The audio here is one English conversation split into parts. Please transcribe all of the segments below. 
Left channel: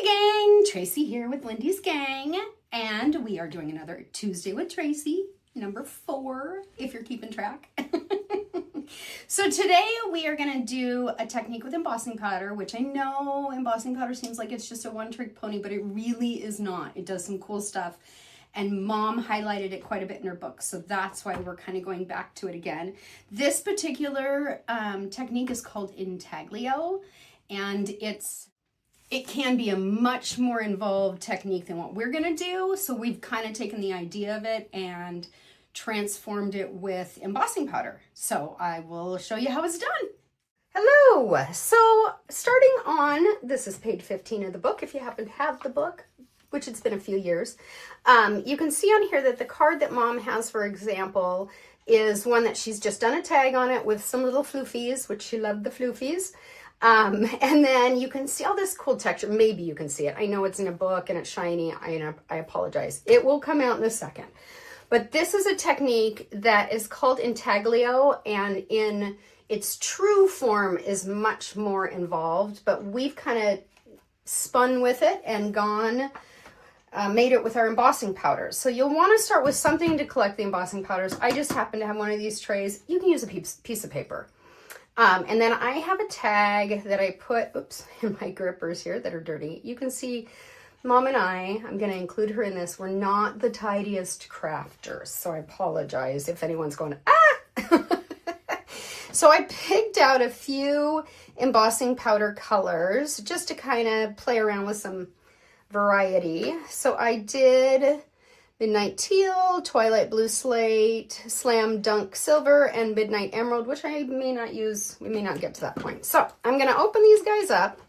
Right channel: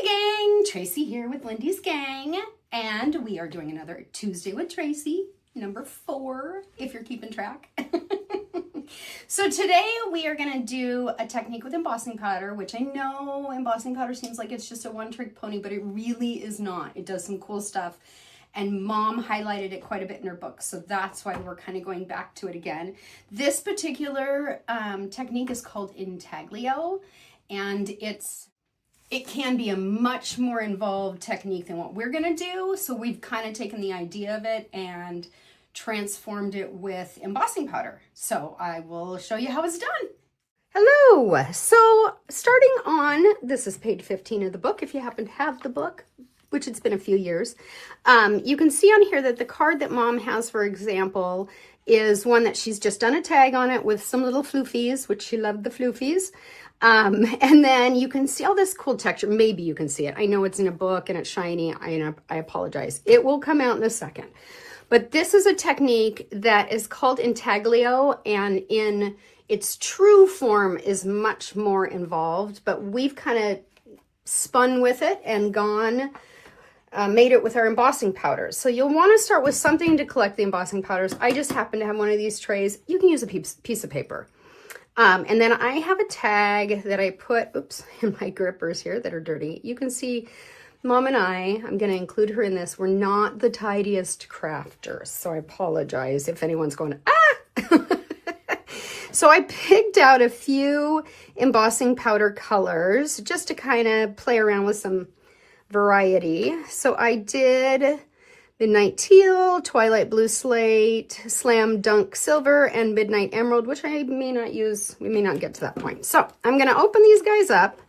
Hi gang, Tracy here with Lindy's Gang, and we are doing another Tuesday with Tracy, number 4, if you're keeping track. So today we are going to do a technique with embossing powder, which I know embossing powder seems like it's just a one-trick pony, but it really is not. It does some cool stuff, and Mom highlighted it quite a bit in her book, so that's why we're kind of going back to it again. This particular technique is called Intaglio, and it can be a much more involved technique than what we're gonna do. So we've kind of taken the idea of it and transformed it with embossing powder. So I will show you how it's done. Hello, so starting on, this is page 15 of the book, if you happen to have the book, which it's been a few years. You can see on here that the card that Mom has, for example, is one that she's just done a tag on it with some little floofies, which she loved the floofies. And then you can see all this cool texture. Maybe you can see it. I know it's in a book and it's shiny. I apologize. It will come out in a second. But this is a technique that is called Intaglio, and in its true form is much more involved, but we've kind of spun with it and made it with our embossing powders. So you'll want to start with something to collect the embossing powders. I just happen to have one of these trays. You can use a piece of paper. And then I have a tag that I put, in my grippers here that are dirty. You can see Mom and I'm going to include her in this. We're not the tidiest crafters, so I apologize if anyone's going, ah! So I picked out a few embossing powder colors just to kind of play around with some variety. So I did Midnight Teal, Twilight Blue Slate, Slam Dunk Silver, and Midnight Emerald, which I may not use. We may not get to that point. So I'm going to open these guys up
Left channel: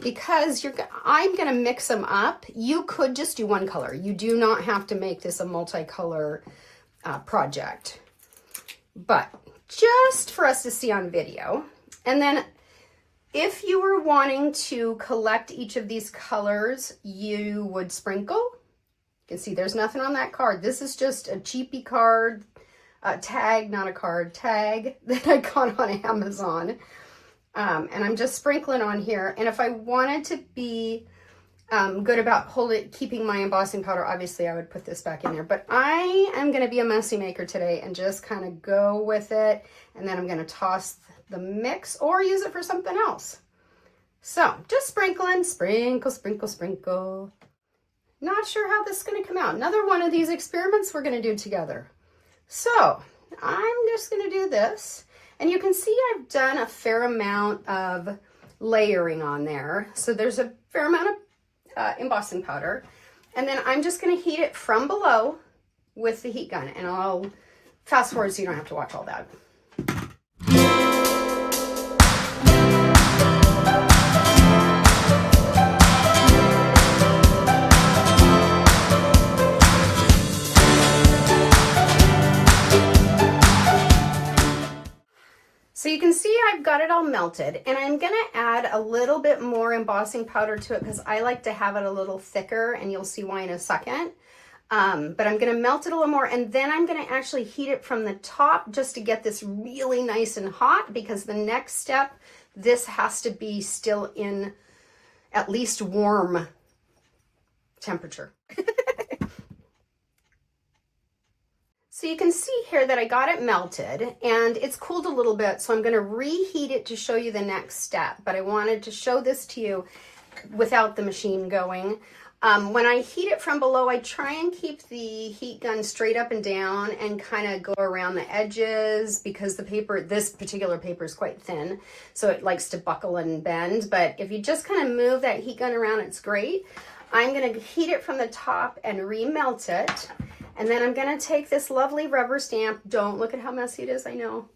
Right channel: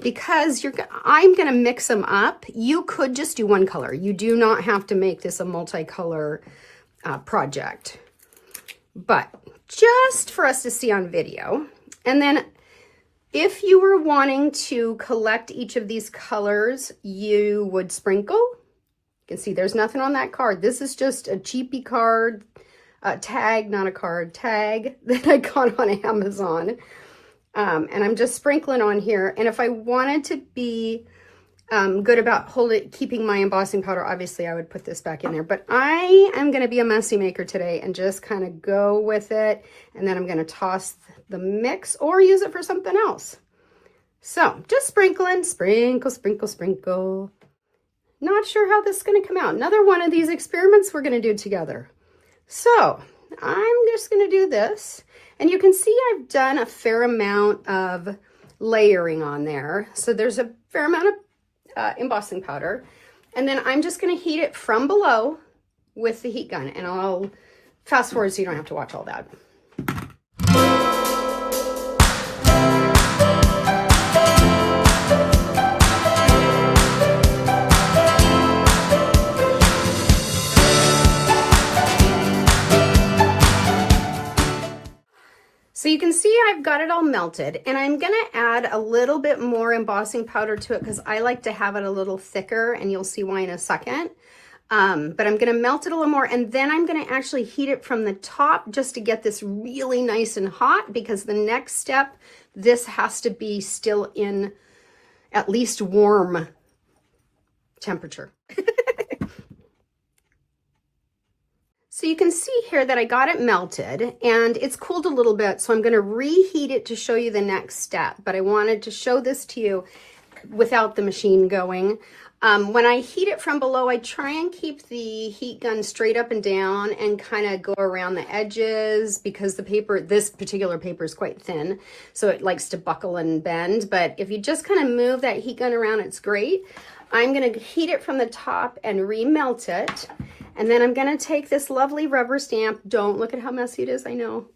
because I'm going to mix them up. You could just do one color. You do not have to make this a multicolor project, but just for us to see on video. And then if you were wanting to collect each of these colors, you would sprinkle. You can see there's nothing on that card. This is just a cheapy card, tag, not a card, tag that I got on Amazon. And I'm just sprinkling on here. And if I wanted to be good about keeping my embossing powder, obviously I would put this back in there. But I am going to be a messy maker today and just kind of go with it. And then I'm going to toss the mix or use it for something else. So just sprinkling, sprinkle, sprinkle, sprinkle. Not sure how this is going to come out. Another one of these experiments we're going to do together. So I'm just going to do this. And you can see I've done a fair amount of layering on there. So there's a fair amount of embossing powder. And then I'm just going to heat it from below with the heat gun. And I'll fast forward so you don't have to watch all that. So you can see I've got it all melted, and I'm going to add a little bit more embossing powder to it because I like to have it a little thicker, and you'll see why in a second. But I'm going to melt it a little more, and then I'm going to actually heat it from the top just to get this really nice and hot, because the next step, this has to be still in at least warm temperature. So you can see here that I got it melted and it's cooled a little bit, so I'm going to reheat it to show you the next step. But I wanted to show this to you without the machine going. When I heat it from below, I try and keep the heat gun straight up and down and kind of go around the edges, because the paper, this particular paper, is quite thin, so it likes to buckle and bend. But if you just kind of move that heat gun around, it's great. I'm going to heat it from the top and remelt it. And then I'm going to take this lovely rubber stamp. Don't look at how messy it is, I know.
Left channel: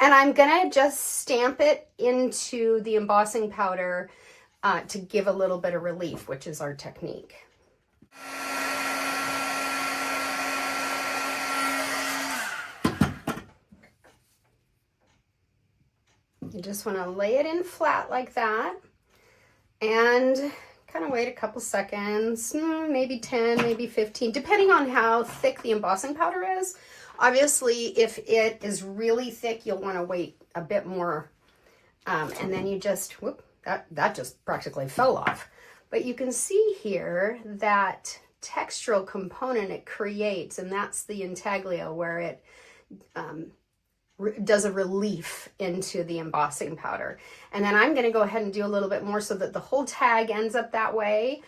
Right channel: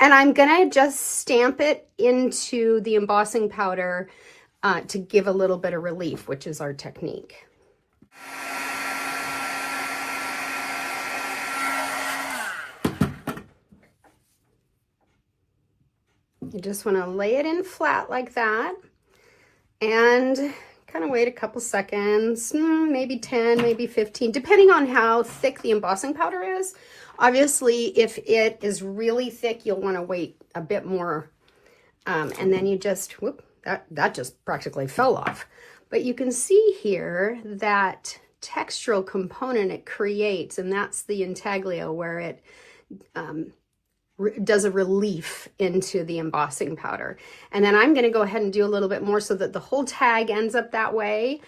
And I'm going to just stamp it into the embossing powder to give a little bit of relief, which is our technique. You just want to lay it in flat like that. And kind of wait a couple seconds, maybe 10, maybe 15, depending on how thick the embossing powder is. Obviously, if it is really thick, you'll want to wait a bit more. And then you just that just practically fell off. But you can see here that textural component it creates, and that's the intaglio, where it does a relief into the embossing powder. And then I'm going to go ahead and do a little bit more so that the whole tag ends up that way.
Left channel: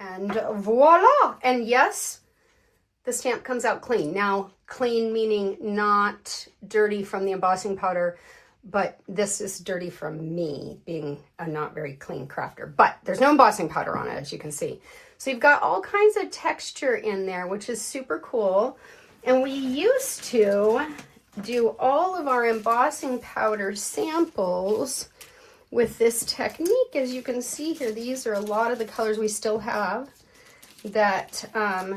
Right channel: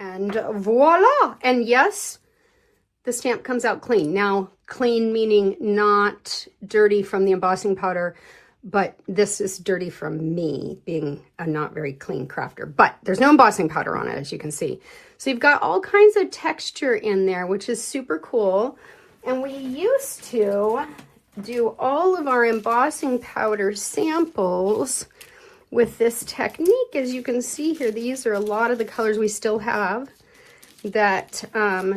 And voila! And yes, the stamp comes out clean. Now, clean meaning not dirty from the embossing powder, but this is dirty from me being a not very clean crafter. But there's no embossing powder on it, as you can see. So you've got all kinds of texture in there, which is super cool. And we used to do all of our embossing powder samples with this technique. As you can see here, these are a lot of the colors we still have that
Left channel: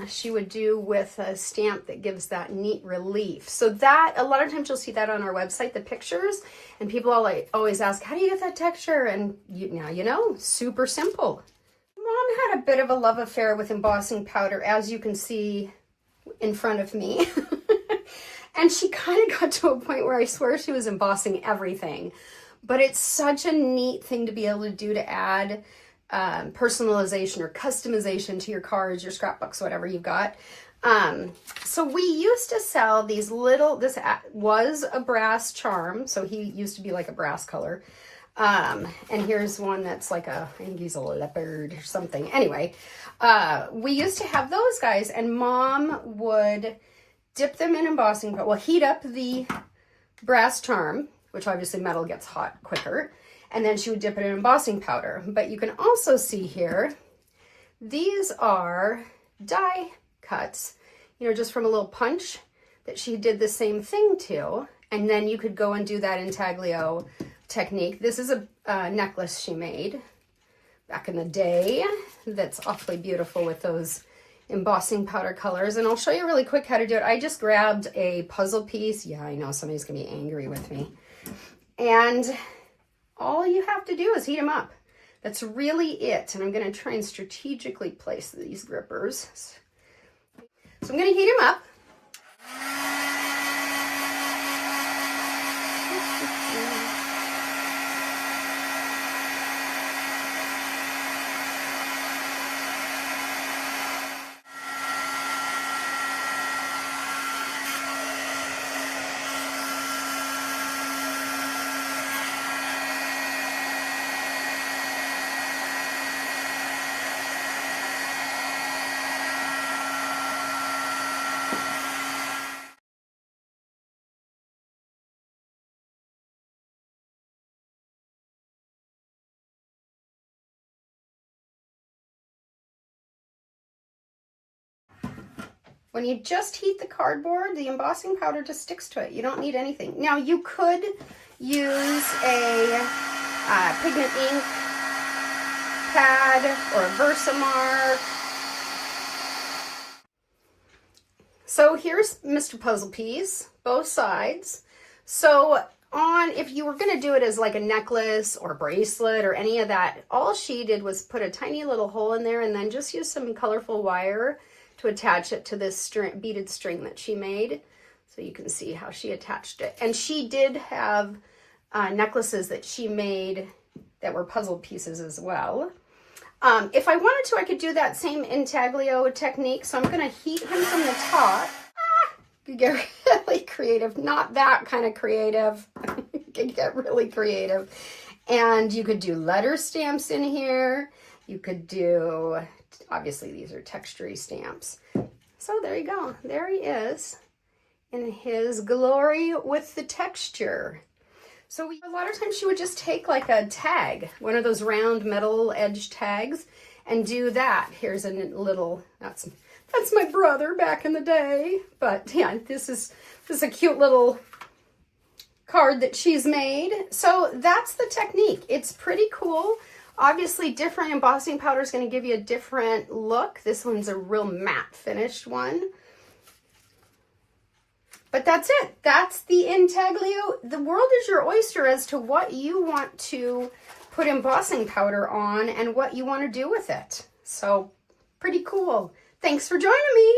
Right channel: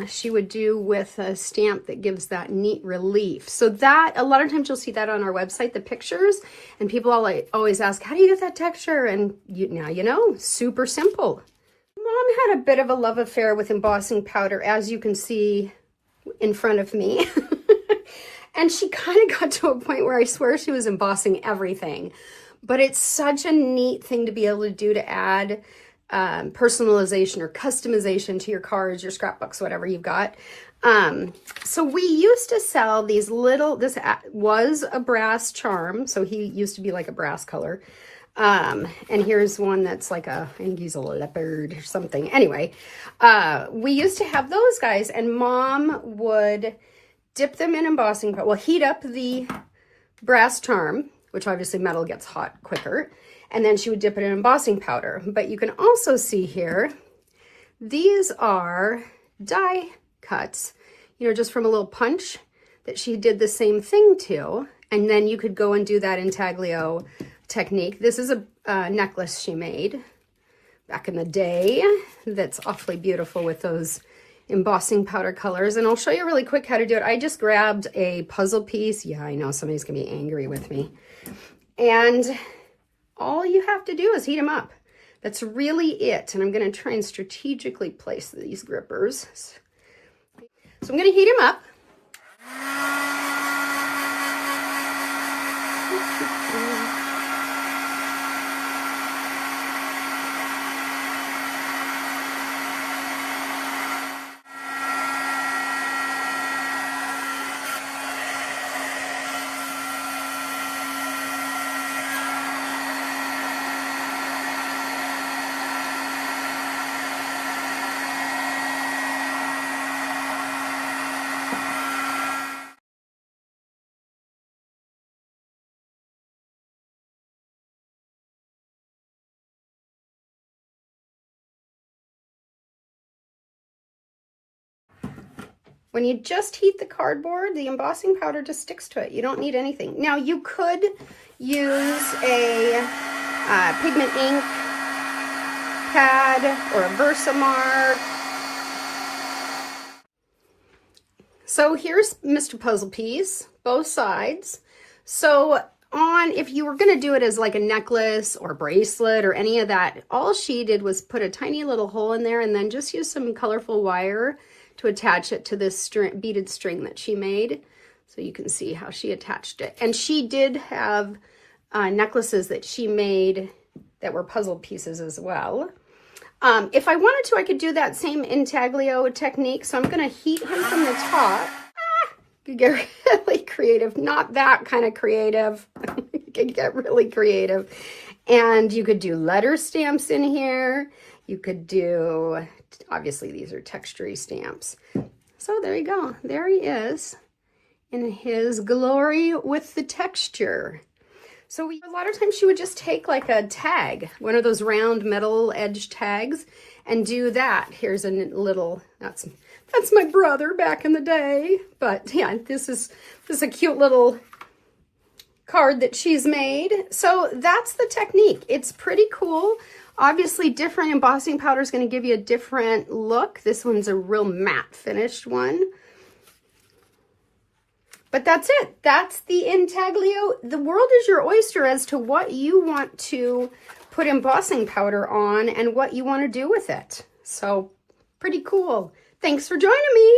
she would do with a stamp that gives that neat relief. So that, a lot of times you'll see that on our website, the pictures, and people always ask, how do you get that texture? And now you know, super simple. Mom had a bit of a love affair with embossing powder, as you can see in front of me. And she kind of got to a point where I swear she was embossing everything. But it's such a neat thing to be able to do to add personalization or customization to your cards, your scrapbooks, whatever you've got. So we used to sell these little, this was a brass charm. So he used to be like a brass color. And here's one that's like I think he's a leopard or something. Anyway, we used to have those guys, and Mom would dip them in embossing, but we'll heat up the brass charm, which obviously metal gets hot quicker. And then she would dip it in embossing powder. But you can also see here, these are die cuts, just from a little punch that she did the same thing to. And then you could go and do that intaglio technique. This is a necklace she made back in the day that's awfully beautiful with those embossing powder colors. And I'll show you really quick how to do it. I just grabbed a puzzle piece. Yeah, I know somebody's gonna be angry with me. And all you have to do is heat them up. That's really it. And I'm going to try and strategically place these grippers. So I'm going to heat them up. When you just heat the cardboard, the embossing powder just sticks to it. You don't need anything. Now you could use a pigment ink pad or a Versamark. So here's Mr. Puzzle Piece, both sides. So if you were gonna do it as like a necklace or bracelet or any of that, all she did was put a tiny little hole in there and then just use some colorful wire to attach it to this beaded string that she made. So you can see how she attached it. And she did have necklaces that she made that were puzzle pieces as well. If I wanted to, I could do that same intaglio technique. So I'm gonna heat her from the top. You get really creative, not that kind of creative. You can get really creative. And you could do letter stamps in here. You could do, obviously these are textury stamps. So there you go. There he is in his glory with the texture. So a lot of times she would just take like a tag, one of those round metal edge tags, and do that. Here's a little, that's my brother back in the day. But yeah, this is a cute little card that she's made. So that's the technique. It's pretty cool. Obviously, different embossing powder is going to give you a different look. This one's a real matte finished one. But that's it. That's the intaglio. The world is your oyster as to what you want to put embossing powder on and what you want to do with it. So, pretty cool. Thanks for joining me.